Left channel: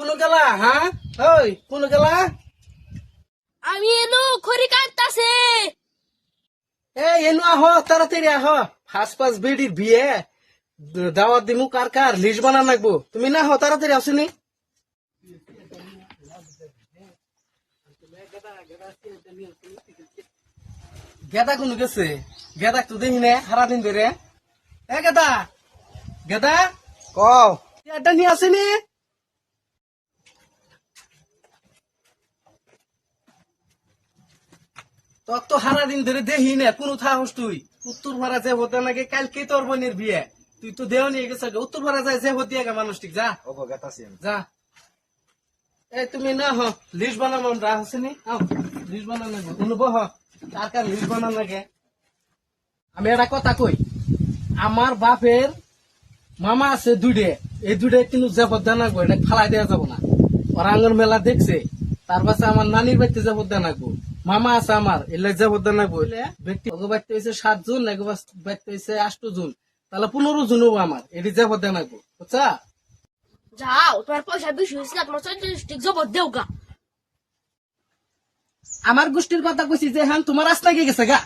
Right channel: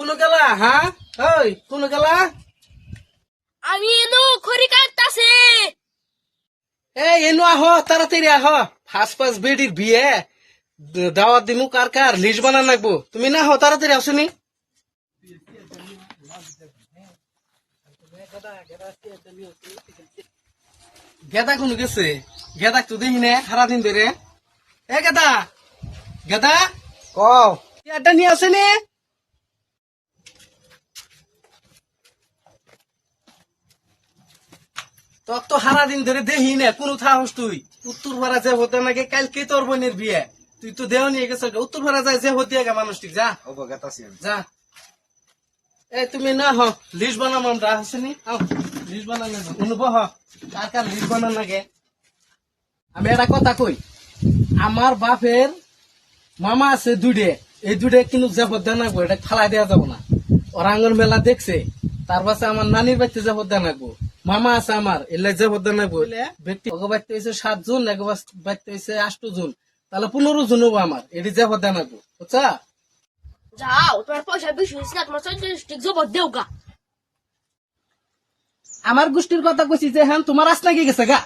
কোন গেলা হ্যাঁ ওই কোন গেলা আমি এনো খড়ি কাটতাছে। এনু আহ তাড়াতাড়ি আহ ফার্স্ট বেডির বিয়ে দাওয়াত দিমু কার কার লিস্ট বানান লাগবো তুমি না হো তাড়াতাড়ি আসুনি গেদা কোন গেছে গেদা তো দেখি না সারাদিন ধরে গেদা গেদা এটা নিয়ে আসেনি তোর তো সারাদিন ধরে দেখি না কোন থাকস তুই উত্তর ভাড়া যে হতে নাকি কালকে তোর বোনের বিয়ে তুই তো দেহ নিয়ে গেছে উত্তর ভাড়া যায় যে হতে গা মানুষ ঠিক যা যা তুমি না হ লিস্ট বানাম আমরা আসেনি লিস্ট বানানো শুনবো হ কার কার লিস্ট বানান লাগে আমি একটা কথা কই আমার বাপের মামা আছে দুইটে এই দুইটা কিন্তু যে হত্যা নাকবো এটা ফালাই দেওয়া যাবো না ওরা আঙ্গন মেলা দেখছে তার পাশে আমার নানির বাড়িতে যে হত্যা নাকবো মামা আছে আমার এলে যে হত্যা নাকবো ব্যক্তি বাড়িতে হয়েছে 7 জুন এক বাড়িতে হয়েছে 8 জুন তাহলে 15 জুন হবো আমার এটি যে হত্যা নাকবো বুঝছা যাও তোমার পয়সা বেশি হয়েছে না, তোমার 40 টিক জবর দেও গা। আমার গোষ্ঠীর কথা কইছি যে হ্যাঁ তোমার রাস্তা কি গেছে গা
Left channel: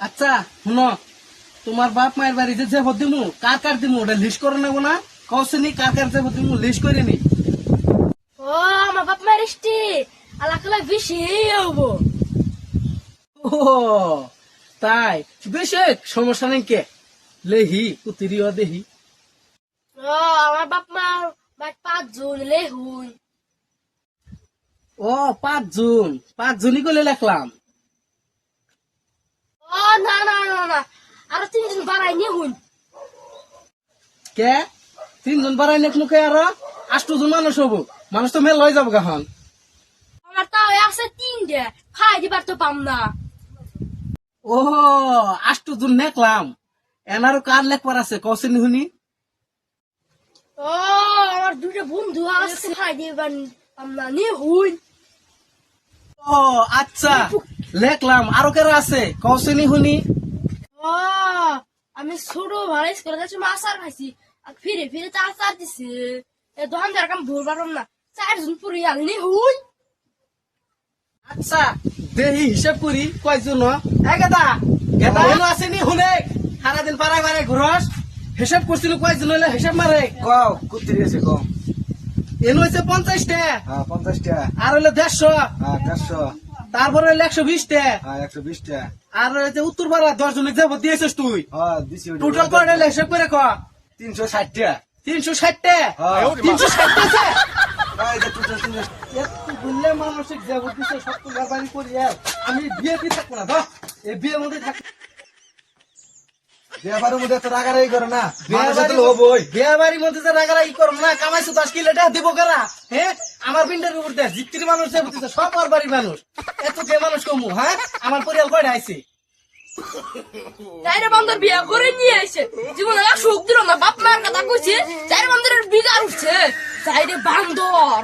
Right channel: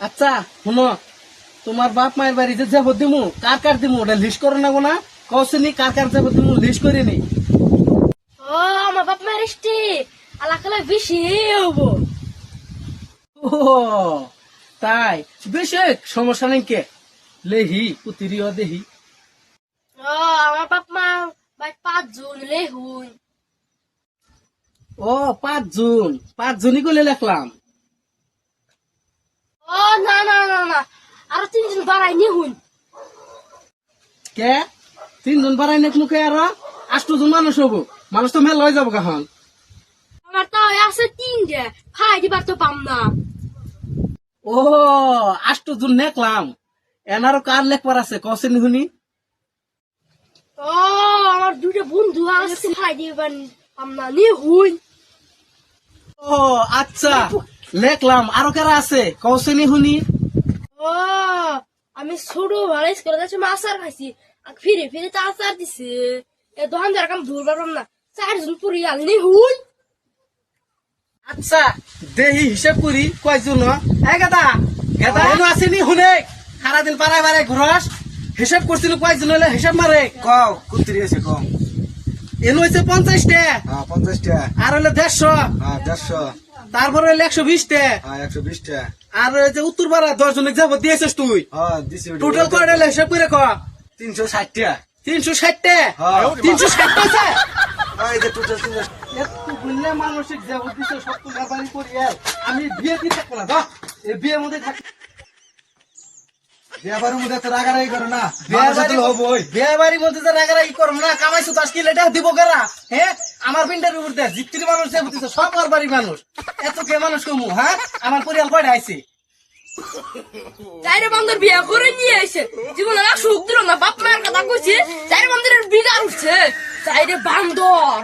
আচ্ছা শুনো তোমার বাপ মায়ের বাড়ি যে যে দিমু কার কার দিমু ওটা লিস্ট করে নেবো না কৌশনি কার কার যে দিমু লিস্ট করে নি ও আমার বাপ মায়ের ইষ্টি আলাকালা বেশি হবো। ও তাই বেশি সমস্যা নেই কে লেহি পুতিরিও দেহি ও আমার বাপ মা 5 জন লে হুই। ও 5 জনই করে লেখলাম ও না না না না আরো 3 জন বাড়াই নিয়ে হুই। কে 3 জন বাড়াই নেক মুখে আর 8 জন মানুষ হবো মানুষ তো মেল লয়ে যাবো গাহন আমার তাও আছে 3টে খাই দিবার তো পাম না। ও 8 জন নেকলাম এনারও কার লেখবার আছে কৌশনি শুনি ও আমার দুটো বন্ধু আছে খাই দিবার পাম না নিয়ে হুই। ও আচ্ছা লেখলাম আরো কারা আছে কৌশনি শুনি ও আমি ছোট ভাড়া করে যাচ্ছি মাছার খাইছি আর ফিরে ফিরে তো আচার দিছে এ দোকানদার কাম ধর পারলাম না 4 জন পুরি আলি নি হুই। আচ্ছা দেহি হিসাব করি কয়জন গেদা গেদা এনো আসেনি শুনে সারাদিন পাড়ায় পাড়ায় ঘুরস হিসাব করছিল কয়জন হলে হিসাব মারে কও কুত্তিরি আছে কও এনো হয়েছে 50টা 50টা আর হলে 150 150 তারপরে হলে 120টা 120টা আর ওই যে উত্তর পাড়া 10 জনের যাবো দিয়েছিস তুই দিছি টোটাল কয়টা হলে হিসাব করে ক 360টা 360টা হ্যাঁ। 360 আছে এই যে টোটাল 360 একটু বললে মানসিক যাবো দিছে সব তো ব্যাপারই করি আর আমি বিয়ে দিয়ে থাকবো না ধর এই বিয়ের মধ্যে থাক বিয়াবারের মধ্যে তো রাগারাগি করে না বিয়েবাড়ির হবই বিয়েবাড়ির মধ্যে তো রাগারাগি করবো না কামাইছো 10 কিলো এটা দিব কারা হ্যাঁ আমার পিন্ডের উপর দেয় জিত্তির মানুষ যে বুঝছে সব আমার বাড়ির মানুষ এত কে মানুষ কমু হ্যাঁ আমার পরিবার কয়টা আইছে চাইরে বান্দর বিয়া করে নিয়ে আইছে জীবনে আর সুখ দিল না বাপ মায়ের কথা কইছে চাইরে বান্দরের বিগার উঠছে চাইরে বান্দর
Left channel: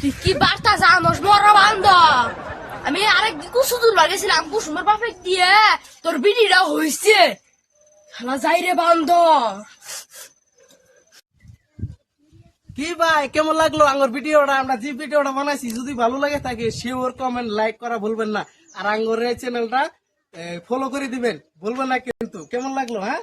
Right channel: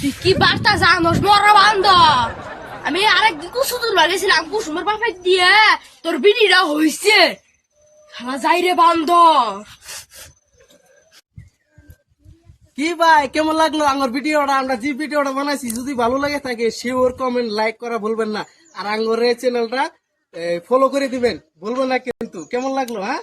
তুই কি বার্তা জানোস মরা বান্দর আমি আরেক কুসুদুর লাগেছিলাম কুসুমের বাপে দিয়ে তোর বিড়িটা হইছে শালা যাইরে বান্দর। কি ভাই কেমন লাগলো আমার ভিডিওটা আমরা যে ভিডিওটা বানাইছি যদি ভালো লাগে থাকে শিওর কমেন্ট লাইক করা ভুলবেন না আর আঙ্গরের চ্যানেলটা ফলো করে দিবেন ভুলবেন না কিন্তু কেমন লাগলো হ্যাঁ।